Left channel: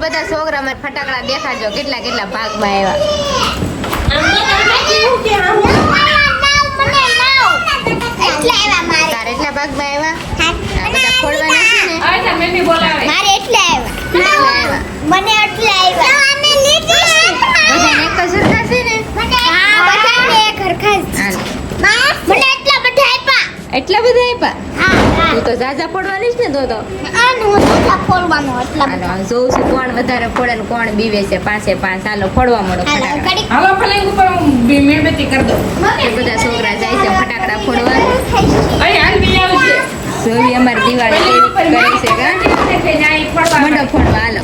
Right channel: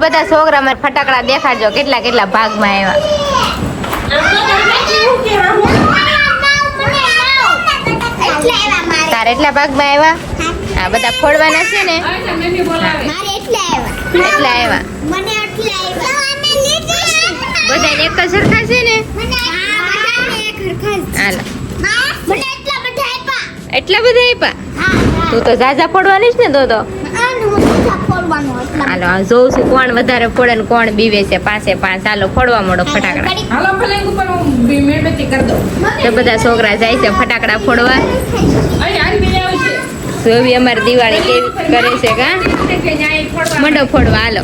બધા છોકરા મારે ફટાકડા દેખાડજો કેટલા કેટલા ભાગમાં આવ્યા. તારે એટલા ભાગમાં આવ્યા? હા બધા ફોડવાના છે ને? મારે આવ્યા. એટલા આવ્યા. મને એટલા આવ્યા. બધા એક સરખા છે ને? હા બધાને એક સરખા મને એટલા બધા એટલા બધા આપ્યા તું તો ઝાઝા ફોડવાની જ ને તો તો આનું હું એટલા ફોડવાનો એટલા હાલો આ જોઉં છું કોણ વધારે ફોડે ને કોણ બીવે છે પાંચે પાંચ. ચાલો ફોડવા મળો ફટાકડા. બધા છોકરા જાય છે ફટાકડા ફોડવા. અહીં હાલ બી આવી છે. જોવી અમારી દિવાળી કેવી કરે છે કા મંડો ફોડવા હાલો.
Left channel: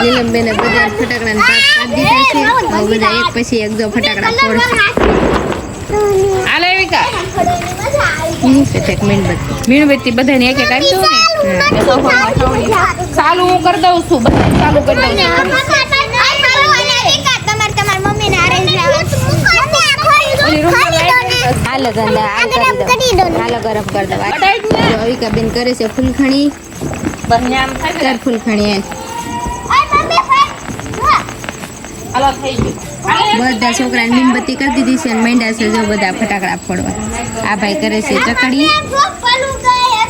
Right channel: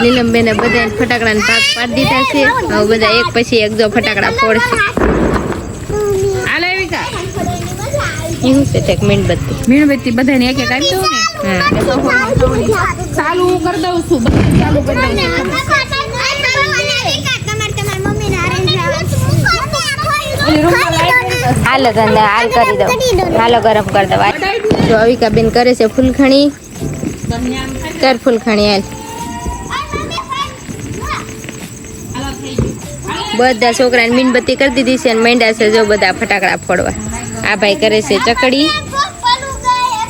નીલમબેને બધા ફટાકડાને પાક પાડી દીધા છે. બધા એક પછી એક જો ફટાકડા ફોડશે. હું તે મીણબત્તી મીણબત્તી બધાને એક એક આપી દઉં ને. ચાલુ હું કરી દઉં છું બધું ચાલુ કરી દઉં છું. કરી દઉં. હાલો તને હાલ કરી દઉં. હાલો ગરમ કરી દો જો અવિકા બેન કરે છે ફૂલખણી. કર ફૂલખણી હાલ હાલો થઈ ગયું. બધા છોકરાને મીણબત્તી કરી દીધી છે અને મેંડા છે જો બધા ફટાકડા ફોડવા. આ ભાઈ કરે છે ચકડી.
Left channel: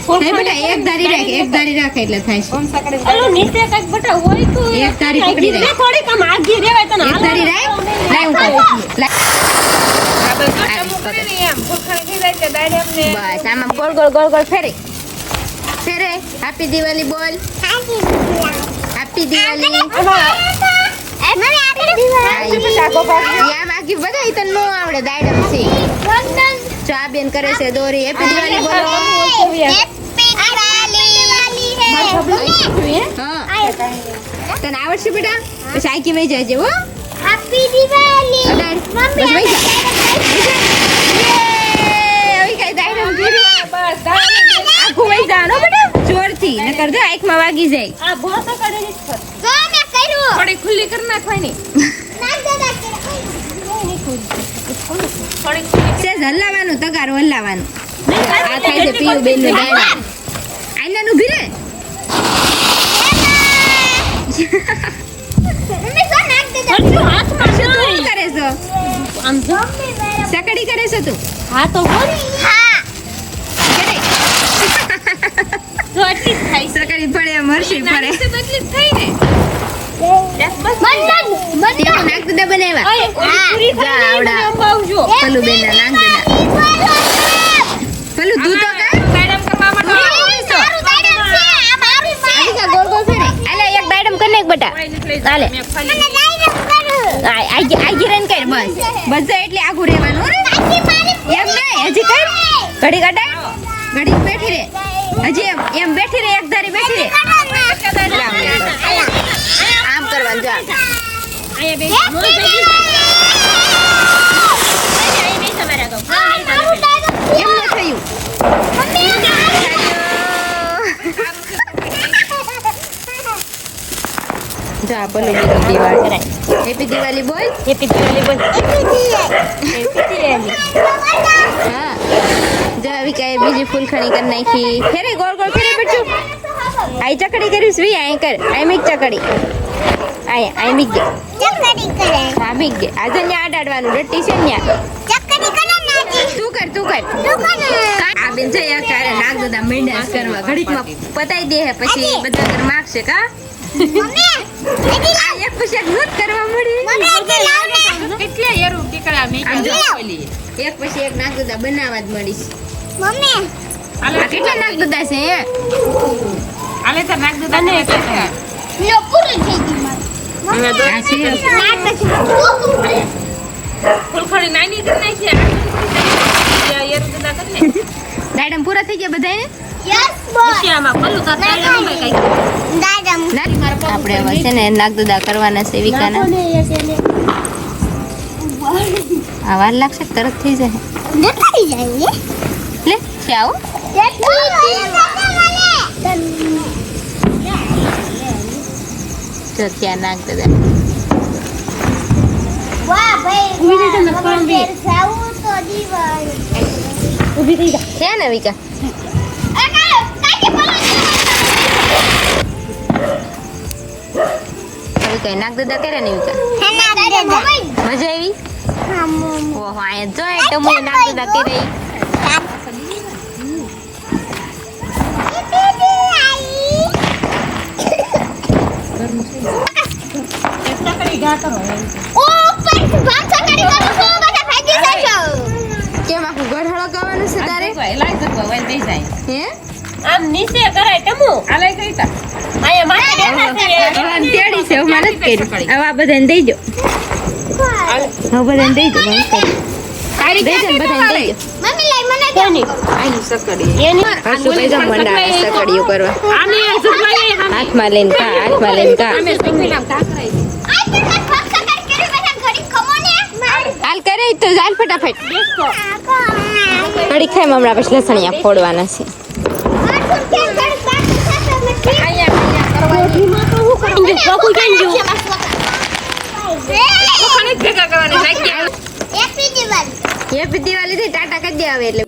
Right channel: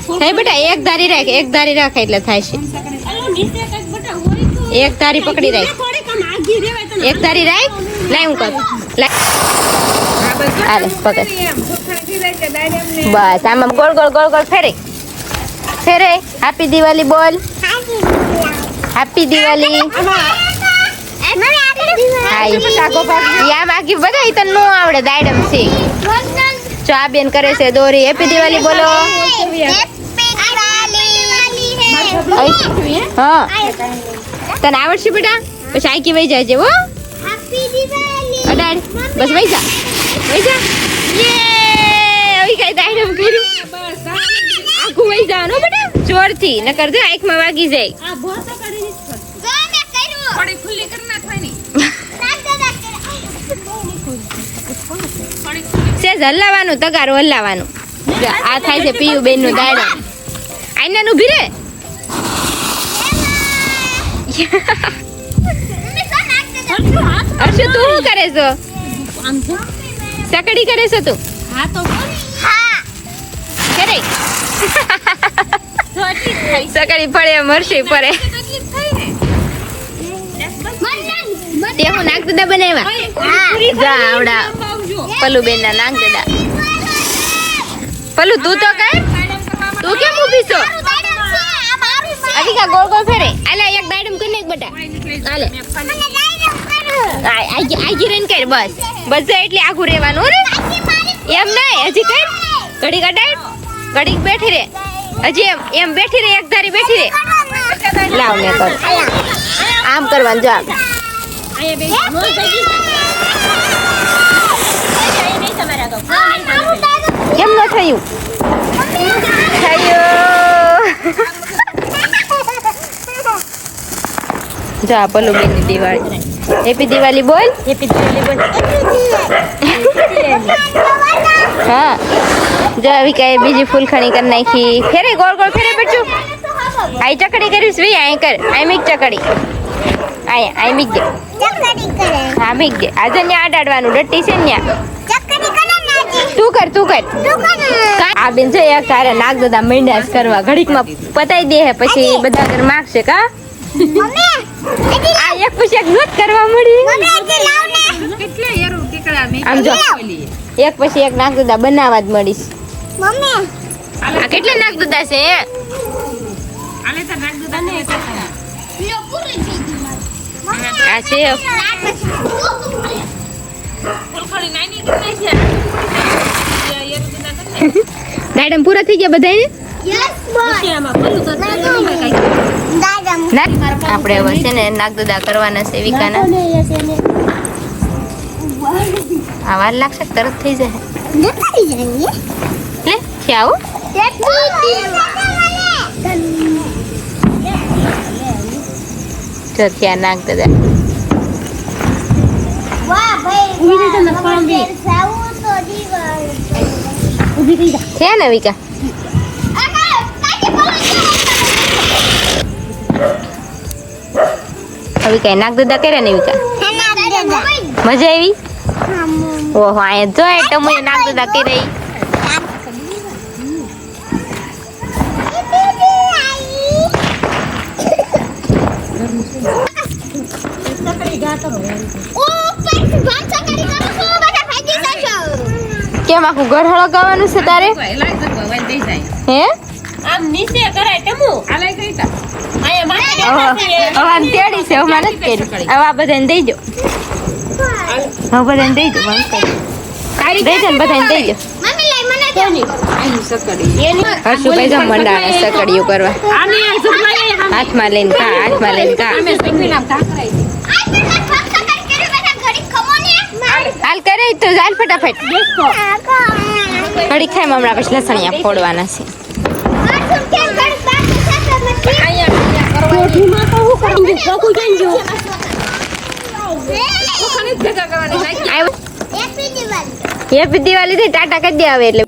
થાય બેટા એક ધારી રાખ એક ધારી રાખ એટલે થાય છે. એક ધારી પકડી રાખ. એક ધારી રાખ હું હા પકડ. કરી બસ આમાં ગોળ ગોળ ગોળ ગોળ ફેરે. ફેરે. હેપી દિવાળી બોલ. હેપી દિવાળી બધા તને નો આવડે દાડમ છે. જો આ બેન કરે છે દોરી. હેપી દિવાળી બોલો. હા તને આવડશે બેટા? પછી આખી વહી જાય જેવો અડાડ. બસ વહી જા. વહી જા! હવે કાંઈ દાડમ કર્યું આખું વહી જવાનું બેટા. જોરથી નકર જો આંખમાં વાગી જાય. આ છે થોડી ખુલ્લી કરી નાખવાની. સેજ હલાવાનું તગારું હલાવાનું આ થાય છે પીયુ બેનનું દાડા. આઈના નું ભીરે તું શું કરે છો? સકડી કરે છે તું? હા તો સકડી જ થાય ને. તે હું નાગ દાદા બનાવ્યા. આવડા. આવજો બેન ના તું તો કરવા તું કેમ ઊભી છો? અધિકા ગોળ બસ. બસ એટલે આઘું રહેવાનું એમ નહીં, હજી ઘડી કટાય ઘડી બેઠી રે. હજી એમ એમ બેઠી રે, એક ધારી બેઠી રે. આમ કરવાનું જો આમ કેમ ન થયું થયું જો આ પલ્લુ બેન દિવાળી હેપી દિવાળી બોલ હેપી દિવાળી બોલ હા જો આવી કઈ બીજી ફૂલખણી કરી નાખી ફેરે ગોળ ગોળ ફેરે બેઠું આઈ ચકડી કરીશ વી આઈ કર આઈ મીક ચકડી આય આઈ મીક દે. હા મીક દે. આજે ન્યા અડાડવાનું ડટ્ટી છે તું કર તું કર. આ બેન એક તારે નાગ દાદા મીંડાસ કરવા. ઘડીકમાં પતાઈ દે હે પછી બધા ઘર માગશે કા? આ એક પછી એક નોટ કરવા મળી. ટીકડા મેં આમ જો. એક પછી એક નાગ દાદા બનાવવા જ મળીશ. આ કેટલા નાગ દાદા છે આલે તો ને આ. દાડમ પૂરા થઈ ગયા બધાને. ના આપણે હવે છે ને નાગ દાદા કરવાના છે વિકાના આ વાર લાગશે તરત થઈ જાય તો ધરતી નાખ દાદા છે ને વિકા હવે કઈ નાખ દાદા કરે ને મજા આવી ઓહો અહીંયા જો તો હું નાખ દાદા કેમ આખું ઘર હળગાવવાનું છે તારે? હે? આમ નીચે કરાય તા? માથે. તેડી છે મને કરી બધાને દઈ દો. બધાને દઈ દો મને કરી. દઈ દો બધાને દઈ દો. સકડીઓ કરવા? હાથમાં લઈને કા હાથમાં લઈને કા? હાલ કરે તો હાલ ફટાફટ. કડી ખાઈ હમણાં પછી લસણિયા ફોડવાના છે. હેપી દિવાળી થી ટાટા કરી દે આવે એટલે.